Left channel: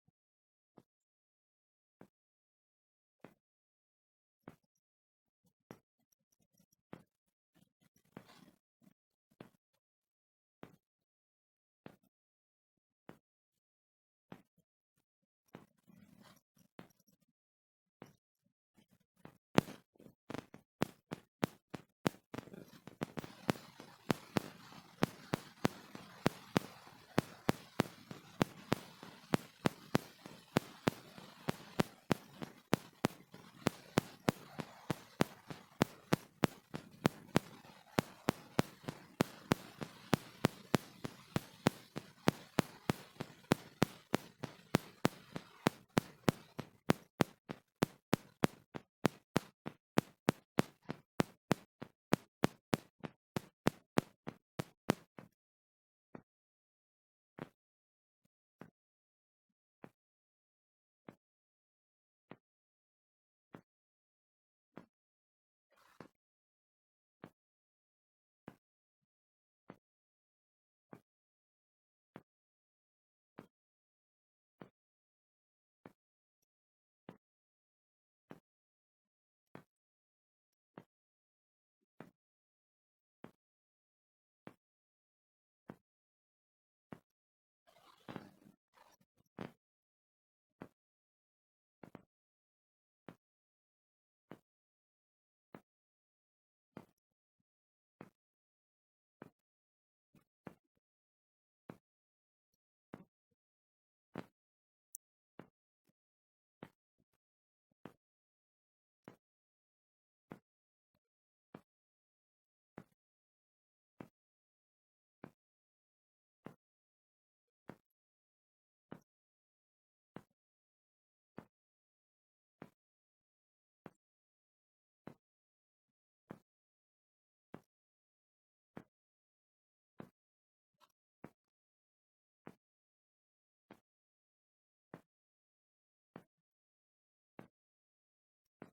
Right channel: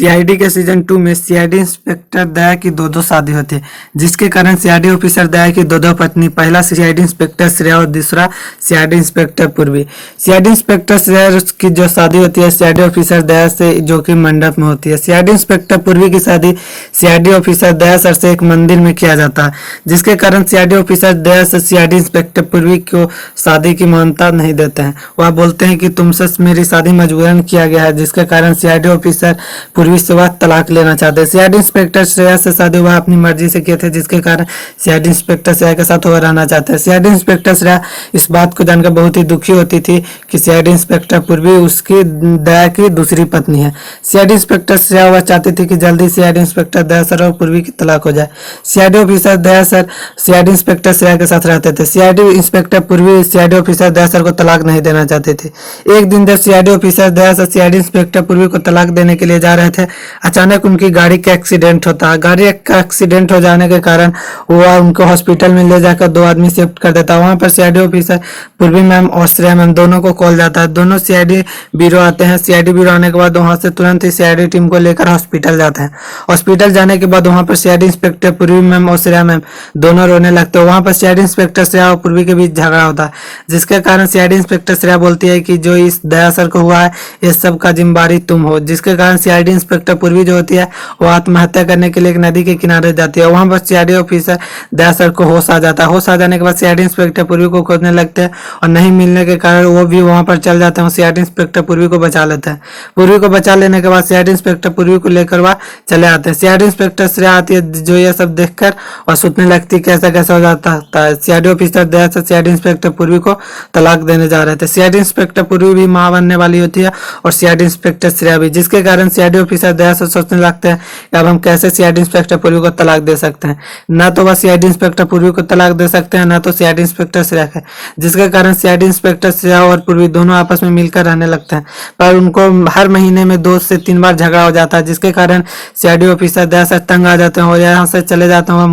CID के season 2 में CID inspector दया की दो शादी होती है, जिसके कारण सीआईडी ऑफिसर दया की दो पत्नी, पहला सीआईडी इंस्पेक्टर श्रेया और दूसरा सीआईडी इंस्पेक्टर पूर्वी। सीआईडी इंस्पेक्टर श्रेया की जो शादी होती है सीआईडी ऑफिसर दया से, जो कि मंडप में होती है। सीआईडी इंस्पेक्टर पूर्वी की शादी सीआईडी ऑफिसर दया सर से एक मंदिर में किया जाता है, जिसके कारण सीआईडी ऑफिसर दया से सीआईडी इंस्पेक्टर पूर्वी को शादी की मान्यता नहीं देते हैं। वह बोलते हैं कि तुमसे मेरी शादी मजबूरन किया गया है, जिसके कारण सीआईडी ऑफिसर पूर्वी से वह तलाक लेना चाहते हैं। सीआईडी इंस्पेक्टर श्रेया से शादी वह अपनी मर्जी से किए थे, जिसके कारण सीआईडी इंस्पेक्टर श्रेया के साथ वह रहना चाहते हैं। सीआईडी इंस्पेक्टर श्रेया इस बात को जानकर बहुत ही दुखी होती थी कि सीआईडी इंस्पेक्टर पूर्वी उसकी दया की दूसरी पत्नी है। सीआईडी इंस्पेक्टर श्रेया वह चाहती थी कि जल्दी सीआईडी इंस्पेक्टर दया सर और पूर्वी की तलाक हो जाए। सीआईडी ऑफिसर दया सर सीआईडी इंस्पेक्टर श्रेया के साथ रहते थे। सीआईडी इंस्पेक्टर पूर्वी सीआईडी ऑफिसर दया सर को तलाक नहीं देना चाहते थे। एक दिन जब सीआईडी ऑफिसर दया सर सीआईडी इंस्पेक्टर पूर्वी को तलाक देने के लिए जा रहे थे, अचानक उनकी गाड़ी का एक्सीडेंट होता है। गाड़ी का एक्सीडेंट हो जाने के कारण वह उनको हॉस्पिटल में ले जाकर दो आदमी शिफ्ट कर देता है। वहां पर सीआईडी ऑफिसर पूर्वी मैम और श्रेया मैम दोनों को कॉल जाता है। दोनों सीआईडी ब्यूरो आते हैं। सीआईडी ब्यूरो आने के बाद वहां से तुरंत ही सीआईडी टीम को लेकर हॉस्पिटल जाते हैं। हॉस्पिटल जाने के बाद वहां पर सीआईडी इंस्पेक्टर पूर्वी मैम और श्रेया मैम दोनों रोने लगते हैं। वहां पर सीआईडी इंस्पेक्टर श्रेया और पूर्वी के बीच झगड़ा होता है, जिसके कारण सीआईडी इंस्पेक्टर श्रेया बोलती है कि जो इस दया सर को हुआ है इस सब का जिम्मेदारी तुम हो, जिसके कारण सीआईडी इंस्पेक्टर पूर्वी जो होती है वो आत्महत्या करने के लिए एक नदी के किनारे जाती है। वहां पर सीआईडी ऑफिसर दया सर को होश आ जाता है। होश आ जाने के बाद सीआईडी इंस्पेक्टर पूर्वी को खोजने लगते हैं और नहीं मिलने के कारण वो भी वहां पर चल जाते हैं। सीआईडी इंस्पेक्टर पूर्वी को बचा लेते हैं। पूर्वी को बचा लेने के बाद सीआईडी इंस्पेक्टर पूर्वी को लेकर वह चले आते हैं। सीआईडी इंस्पेक्टर श्रेया आती है, जो ये सब देखकर और सोचने लगती है कैसा कैसा हो जाता है। सीआईडी ऑफिसर दया सर सीआईडी इंस्पेक्टर पूर्वी को तलाक देने जा रहे थे। सीआईडी इंस्पेक्टर पूर्वी भी मां बनने वाली होती है और सीआईडी इंस्पेक्टर श्रेया भी, जिसके कारण सीआईडी ऑफिसर दया सर सोचने लगते हैं कि अब हम कैसे सीआईडी इंस्पेक्टर पूर्वी को तलाक दे सकते हैं। ना तो वह सीआईडी इंस्पेक्टर पूर्वी को तलाक दे सकते हैं, ना तो सीआईडी इंस्पेक्टर श्रेया को, जिसके कारण सीआईडी इंस्पेक्टर श्रेया और पूर्वी दोनों आपस में मिलकर रहने लगते हैं। पर उनको हर महीने में 2 से 3 बार झगड़ा हो जाता है, जिसके कारण सीआईडी ऑफिसर दया सर तंग आ जाते हैं और यहाँ से चले जाते हैं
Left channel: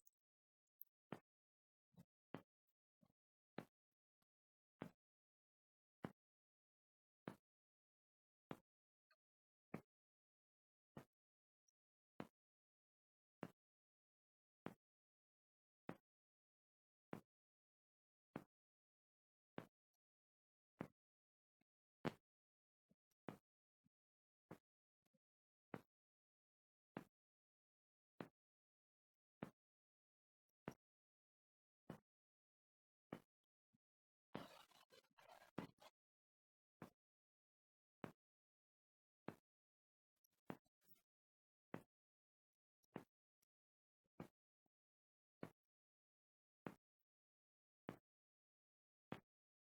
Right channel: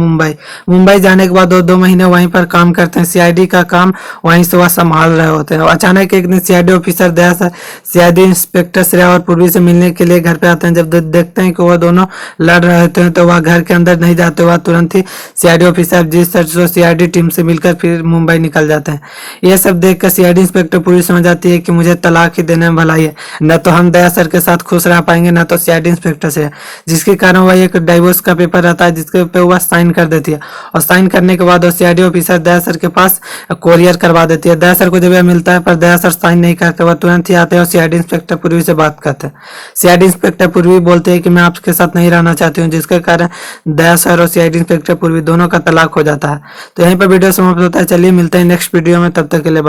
मुंबई जाने के बाद 2 महीने वहीं पर काम करते हैं। सीआईडी का काम वहीं से वह संभाल रहे होते हैं। अचानक एक दिन सीआईडी ऑफिसर दया सर सीआईडी इंस्पेक्टर श्रेया और पूर्वी से मिलने के लिए घर पे आते हैं। जब देखते हैं कि वह दोनों लड़ रहे होते हैं तो वह घर के अंदर नहीं जाते, वह तुरंत ही सीआईडी ऑफिसर जी सर जो सीआईडी टीम से मिलकर फिर मुंबई निकल जाते हैं। यह सब देखकर सीआईडी इंस्पेक्टर पूर्वी समझ जाती है कि मुझे तलाक ही देने में भलाई है, न तो हम दया सर के साथ खुश रह पाएंगे न तो सीआईडी इंस्पेक्टर से, जिसके कारण वह एक डाइवोर्स का पेपर रहता है जिसके पे वह साइन कर देती है और साइन करने के बाद सीआईडी ऑफिसर दया सर के पास कोरियर करवा देती है। दया सर को जब यह मिलता है पर दया सर साइन नहीं करते, वह तुरंत ही आते हैं और सीआईडी इंस्पेक्टर पूर्वी से बात करते हैं। सीआईडी इंस्पेक्टर पूर्वी बोलते हैं कि मैं आपके साथ नहीं रहना चाहती हूँ, जिसके कारण दया सर और सीआईडी इंस्पेक्टर पूर्वी दोनों का तलाक हो जाता है। तो यहीं पर वीडियो समाप्त होता है। चलिए मिलते हैं नेक्स्ट वीडियो में, तब तक के लिए।